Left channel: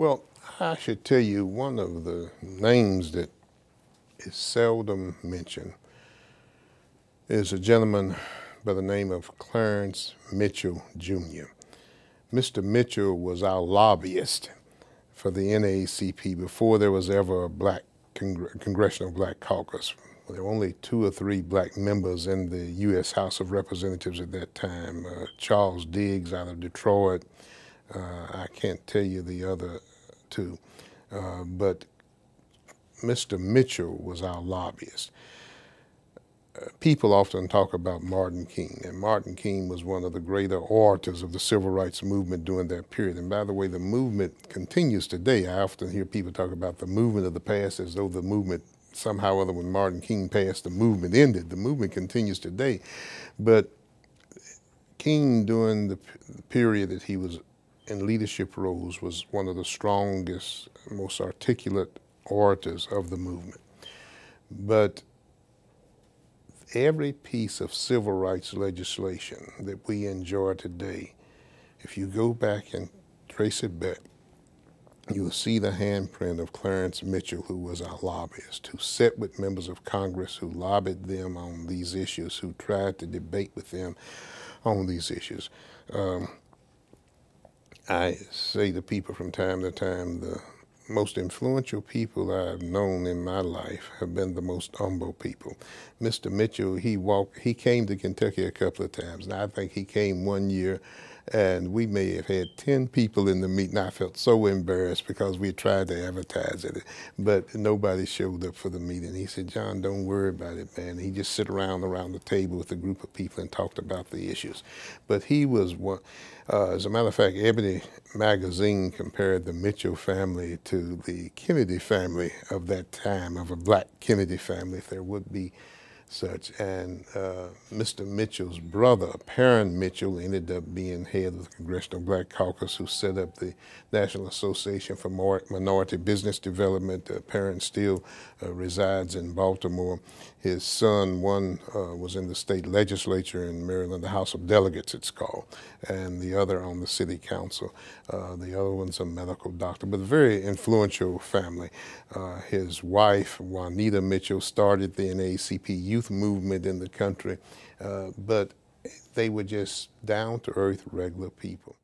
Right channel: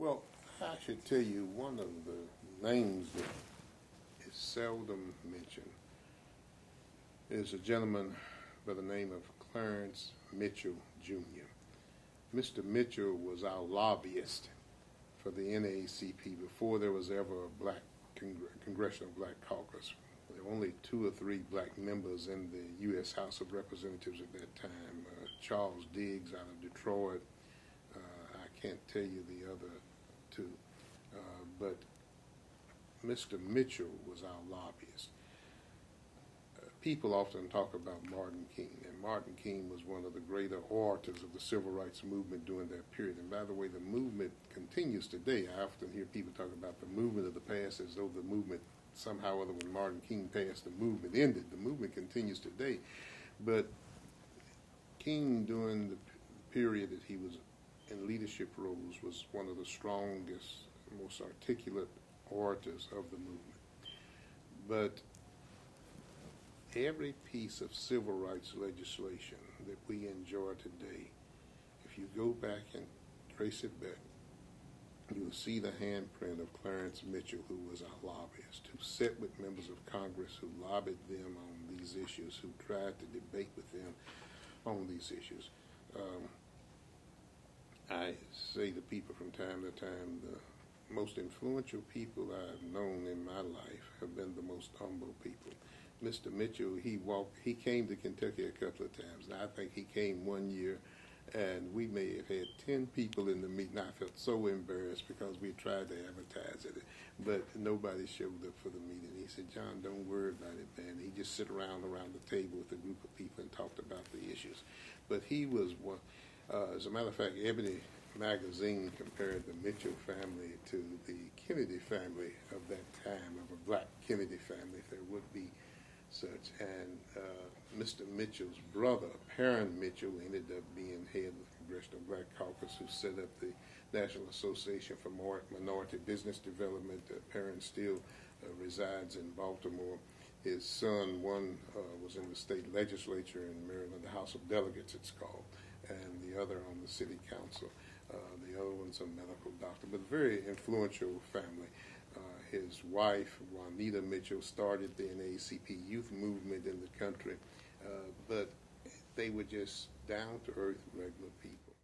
Well, I should tell you one of the names that is seldom mentioned is a gentleman by the name of Clarence Mitchell, Jr. Mr. Mitchell was our lobbyist for the NAACP before there was ever a black Congressional Black Caucus. There were only 2 or 3 black members in the U.S. House of Representatives at that time. Charles Diggs out of Detroit. I can't tell you the other 2. But Mr. Mitchell was our lobbyist. People often talk about Martin King, and Martin King was one of the greater orators of the civil rights movement during that period. And by the way, the movement continues today. I often hear people talk about the movement of the past as though the movement somehow or other, when Martin King passed, the movement ended. The movement continues today. But King, during the period that he was in leadership roles, was one of the strongest, most articulate orators of the movement. But every piece of civil rights legislation that we enjoy today, if you go back and trace it back, you will see the handprint of Clarence Mitchell, who was our lobbyist, who sat with members of Congress, who lobbied them on these issues, who tried to debate with them on these issues. I say to people from time to time, the most influential people I've known in my life have been the most humble people. Mr. Mitchell, he came to Kentucky a couple of times, and I think he came one year and we may have had 10 people in the meeting. I felt so embarrassed because we tried to advertise it, but nobody showed up for the meeting. He said, "John, don't worry about it, man." He just sit around the table with a group of people and talked about the issues. But he was one, as a matter of fact, Ebony magazine compared the Mitchell family to the Kennedy family of that time, of a black Kennedy family, if there would be such. And Mr. Mitchell's brother, Perrin Mitchell, ended up being head of the Congressional Black Caucus, who set up the National Association for Minority Business Development. Perrin still resides in Baltimore. His son, one was in the state legislature in Maryland, the House of Delegates it's called, and the other on the city council. The other one's a medical doctor, but a very influential family. His wife, Juanita Mitchell, started the NAACP youth movement in the country, but they were just down-to-earth, regular people.